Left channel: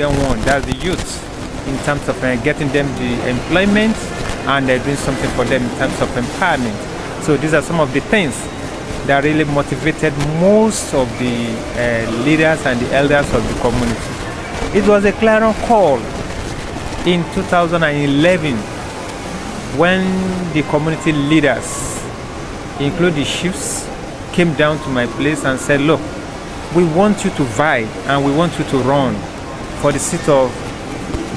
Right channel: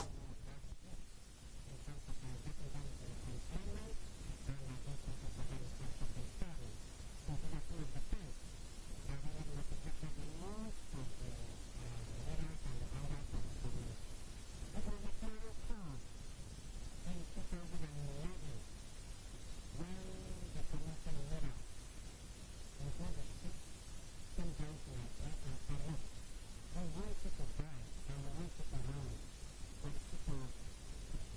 second one, that's the youth, in terms of getting them the employment and doing something for them in terms of empowerment. So these are some of the things that really motivated most of the leaders and the elders of the community. It was a clarion call in 2011 when the community leaders, including the chiefs, came down to my place and said, look, we want you to vie and we want you to run for the seat of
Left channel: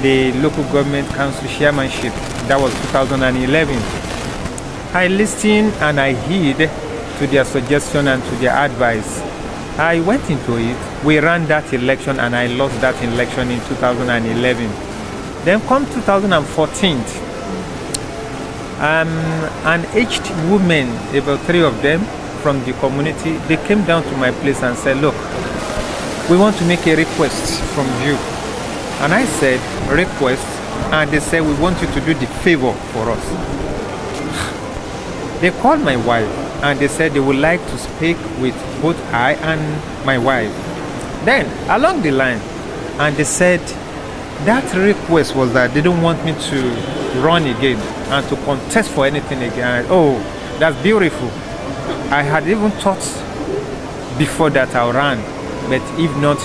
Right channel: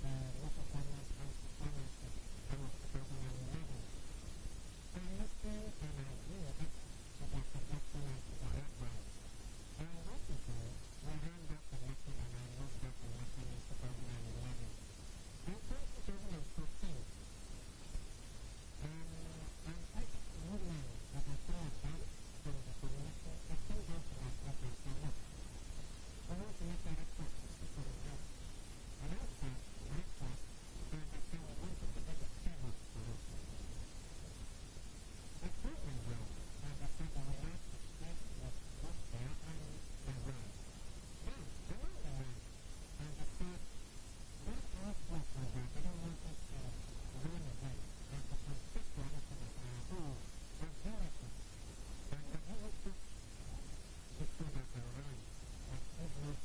the local government council chairmanship. That was 2011. I listened and I heed to their suggestion and to their advice. I went into it. We ran that election and I lost that election in 2011. Then come 2014, an aged woman, about 3 of them from the community, they came down to my place and said, look, we want to make a request from you. And I said, request? And they said, we want you to do the favor for us. They called my wife and they said they would like to speak with both I and my wife. Then, along the line, and they said that request was that they don't want me to run again and to contest for anything again. Oh, that's beautiful. I had even thought before that I ran, but if not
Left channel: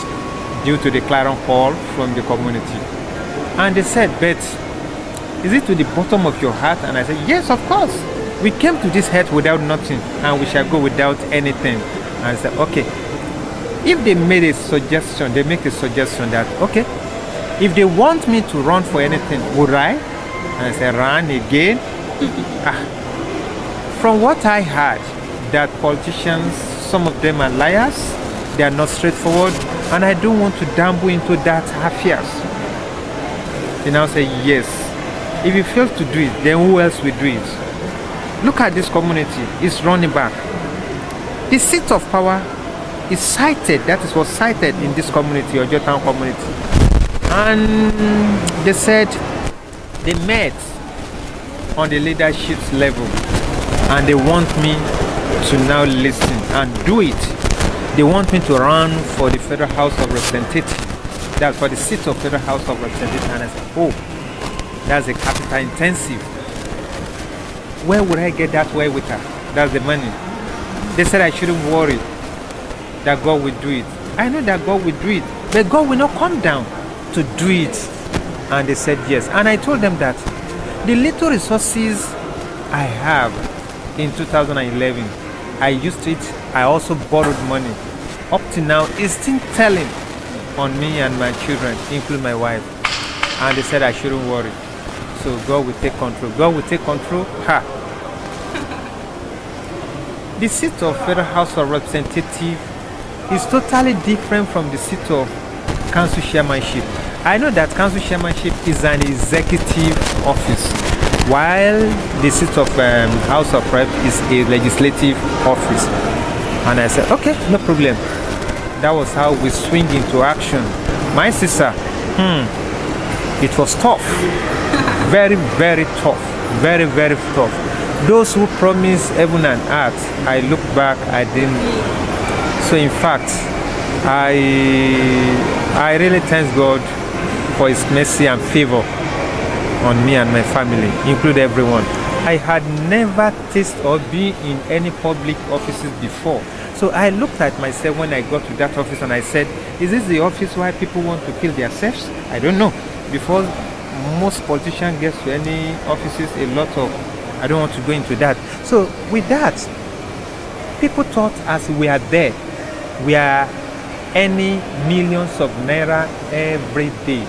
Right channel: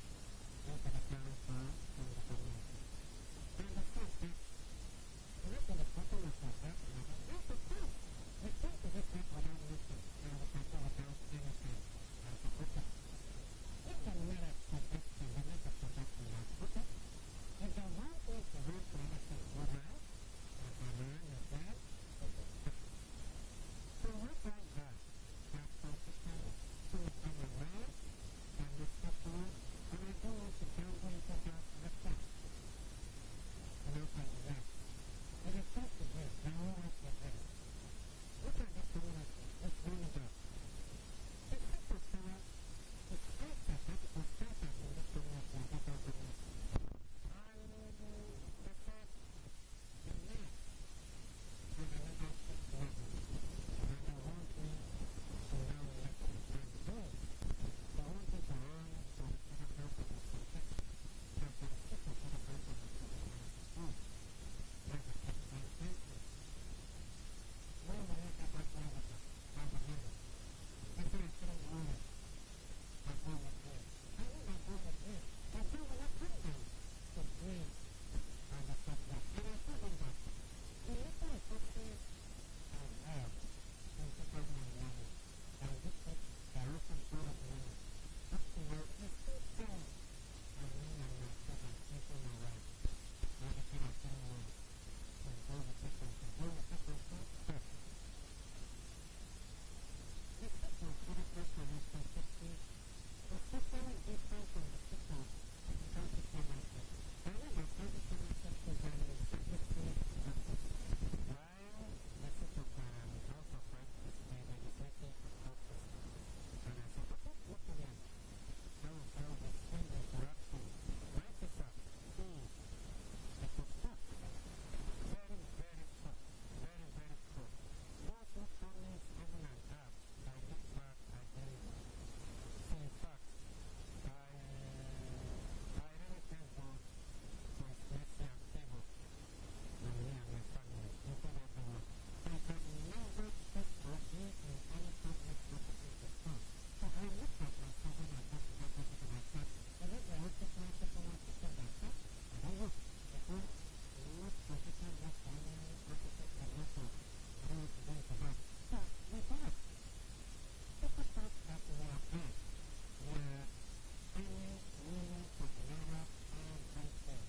due to the clarion call from the community. And they said, but is it to the bottom of your heart? And I said, yes, of course. We came to this earth without nothing, and we shall go without anything. And I said, okay. If they made a suggestion, they make a suggestion that, okay, if they want me to run for anything, would I? And I said, run again? From what I heard, that politicians, some of them are liars, they are not straightforward, and I don't want to dabble into that affairs. They now say, yes. If you fail to do it, then who else will do it? Look at this community, it's running back. The seat of power is cited, that is what's cited in this community, or Jotown community. And they said they met on the leadership level and they want me to now listen and do it. They want me to run for the Federal House of Representatives. That's for the seat of Federal House of Representatives. And I said, oh, that's a capital intensive. Where would I get that way with her? That's the money. They said I shouldn't worry, that God will do it. I know that God will do it, but God will not come down to do it. And they said yes. And I told them that the little resources I have in 2011, I used it. I also borrowed money. Up to now, it's still telling on me and my children, including my wife. And they said I shouldn't worry. So God will take control. God will take control. Ha! The seat of Federal House of Representatives is totally different from the seat of council chairmanship. I know that council chairmanship is an executive office, while the seat of House of Rep is a legislative office. And I said, okay, no problem. That was how we swing into action. My sister, it was tough. Very, very tough. Very, very tough. Those who promised heaven and earth, I look back, I didn't. So in fact, I really thank God for His mercy and favor on me and my family, include everyone. I had never tasted or been in any public offices before. So I looked at myself when I got to that office and I said, is this the office where people want to kill themselves? I don't know. Before most politicians get to any offices, I don't want to go into that. So with that, people thought as we are there, we are earning millions of naira every day.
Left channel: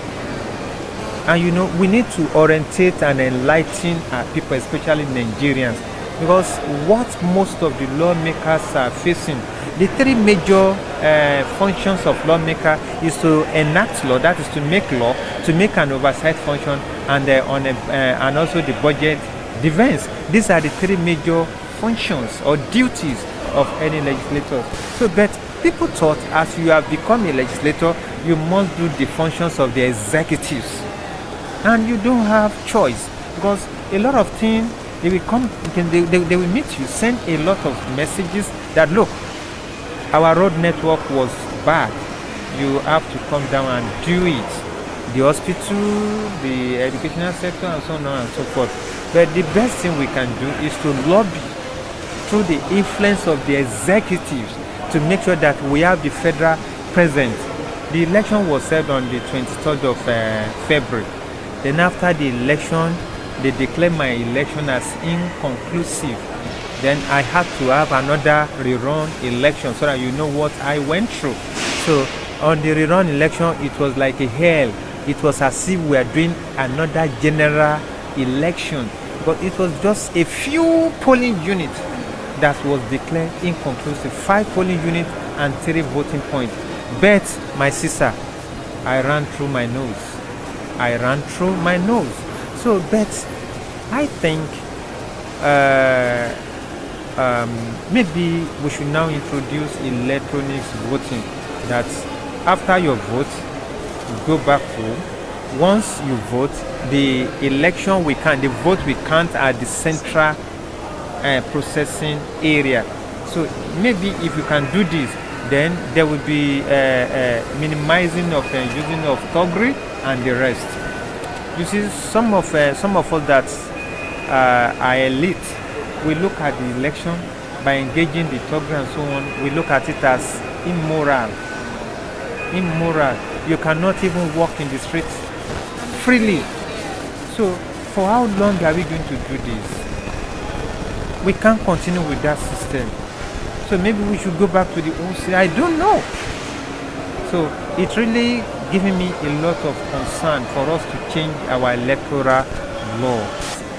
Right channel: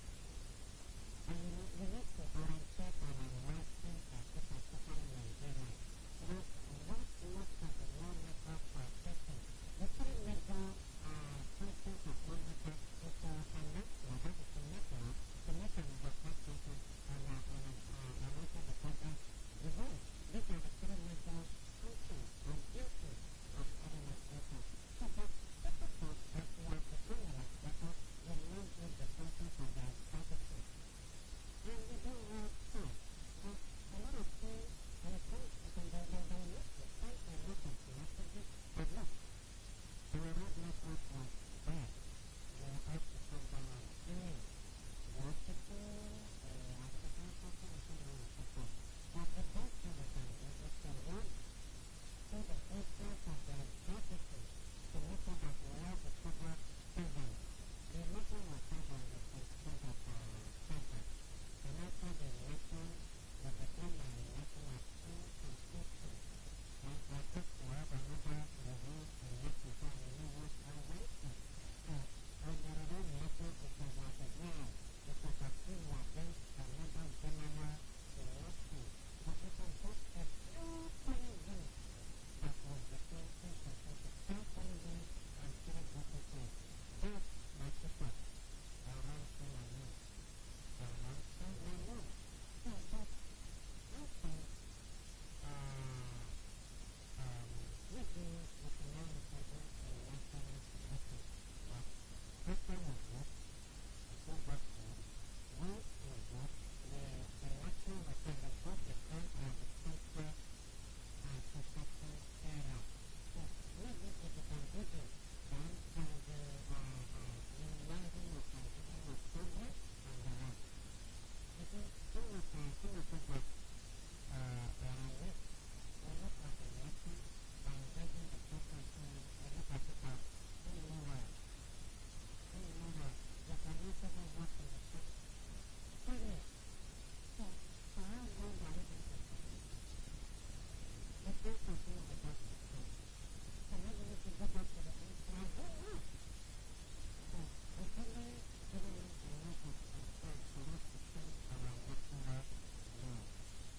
And we need to orientate and enlighten our people, especially Nigerians, because what most of the lawmakers are facing, the 3 major functions of lawmaker is to enact law, that is to make law, to make an oversight function, and also the budget defense. These are the 3 major functions or duties of any legislator. So, but people thought as you have become a legislator, you must do the functions of the executives. And you don't have choice, because a lot of things, they will come, they will meet you, send a lot of messages that, look, our road network was bad. You have to come down and do it. the hospital, the educational sector, and so on and so forth. But the best thing we can do is to lobby through the influence of the executives to make sure that we have the federal present. The election was held on the 23rd of February. Then after the election, they declared my election as inconclusive. Then I had to have another rerun election so that you know what I went through. So on the rerun election, it was like a hell. It was as if we were doing another general election. But it was just a few polling units that was declared inconclusive. 5 polling units and 3 voting points. But my sister, I ran through my nose. I ran through my nose. So, but I think maybe we should now introduce electronic voting. That after your vote, go back home. Once you vote, the election we count, the vote we count at the central processing area. So maybe if you can do this, then there will be minimizing of using of thuggery and the rest. You see, some of us that are elite, we look at the election by engaging the thuggery and so on. We look at it as immoral. Immoral. You cannot even walk in the streets freely. So for how long are we going to do this? We can't continue with that system. So maybe we should go back to the old system. I don't know. So it's really giving me a lot of concern for us to change our electoral law.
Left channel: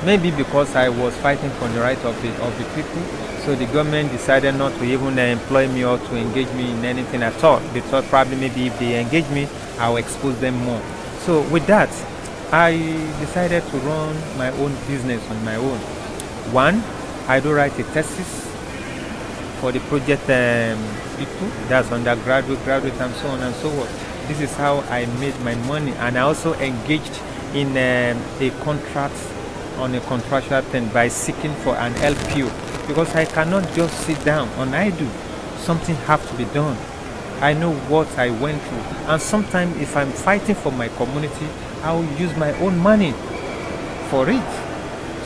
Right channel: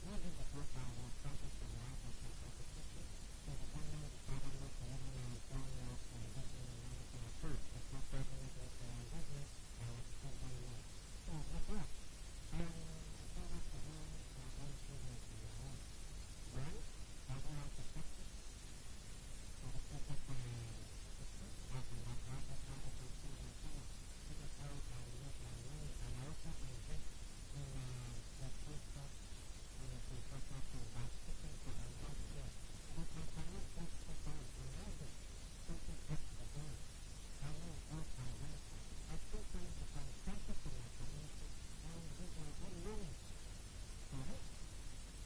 Maybe because I was fighting for the right of the people, so the government decided not to even employ me or to engage me in anything at all. They thought probably maybe if they engage me, I'll expose them more. So with that, I decided to run my own business on my own. One, I do write a thesis for the project people, that's undergraduate, graduate, and so on and so forth. This is how I made my money, and I also engaged in a contract on a contractual thing by seeking for an LPO, because I cannot just sit down on idle. Something has to be done. I know what I went through, and sometimes if I'm fighting for my community, I will use my own money for it.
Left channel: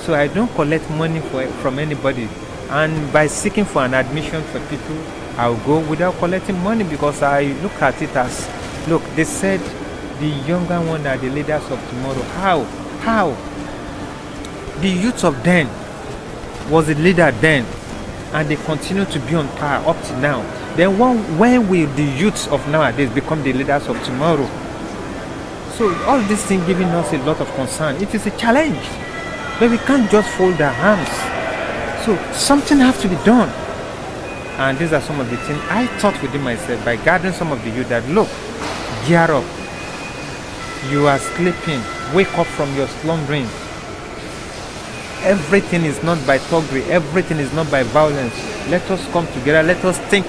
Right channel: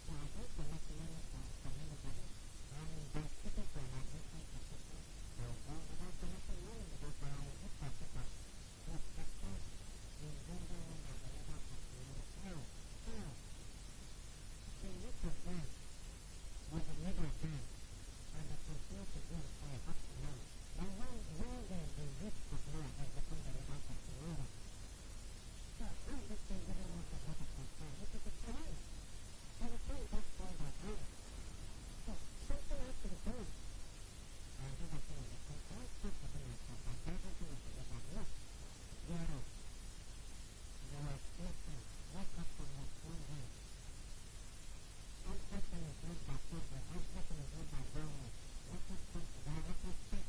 So I don't collect money from anybody, and by seeking for an admission for people, I'll go without collecting money, because I look at it as, look, they said the younger ones are the leaders of tomorrow. How? The youth of then was the leader then, and they continue to be on power up to now. Then when will the youths of nowadays become the leaders of tomorrow? So all these things giving us a lot of concern. It is a challenge, but we can't just fold our arms. So something has to be done. And these are some of the things I thought within myself by gathering some of the youth that, look, gear up. You are sleeping. Wake up from your slumbering. Everything is not by thuggery. Everything is not by violence. Let us come together. Let us think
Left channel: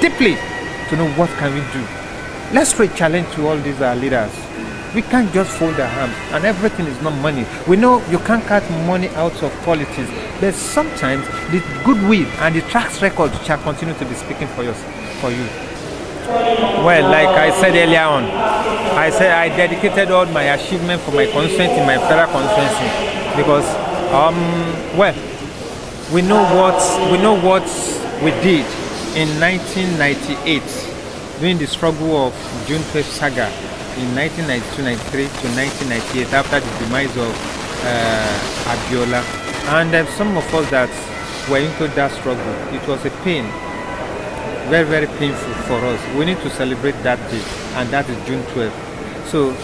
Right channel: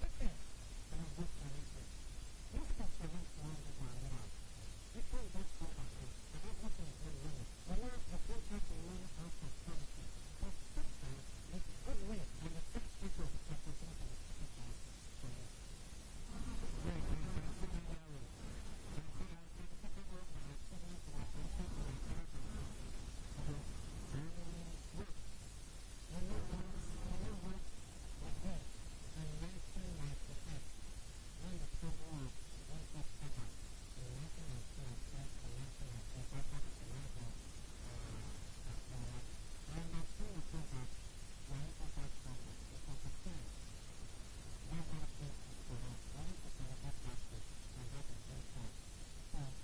deeply to know what can we do. Let's throw a challenge to all these leaders. We can't just fold our hands, and everything is not money. We know you can't cut money out of politics, but sometimes the goodwill and the track record shall continue to be speaking for you. Well, like I said earlier on, I said I dedicated all my achievement for my constituency in my federal constituency, because well, we know what we did in 1998 during the struggle of June 12th saga in 1992-93 to 1998 after the demise of Abiola, and some of us that were into that struggle, it was a pain, very, very painful for us. We need to celebrate that day, and that is June 12th. So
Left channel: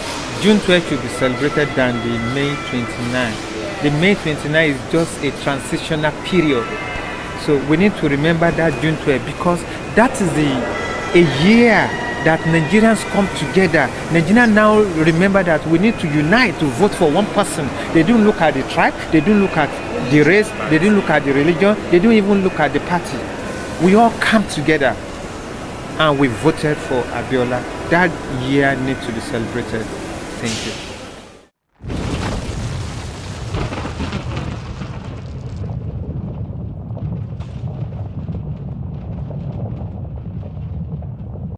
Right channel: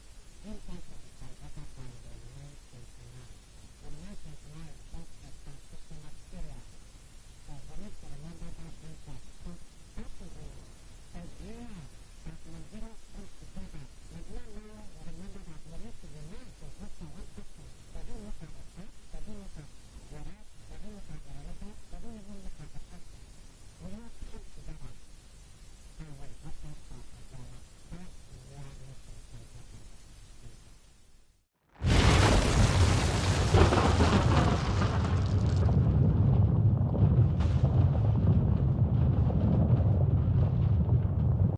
June 12th should be celebrated than the May 29. The May 29 is just a transitional period. So we need to remember that June 12th, because that is a year that Nigerians come together. Nigerians now remember that we need to unite to vote for one person. They don't look at the tribe, they don't look at the race, they don't look at the religion, they don't even look at the party. We all come together and we voted for Abiola. That year needs to be celebrated. Thank you.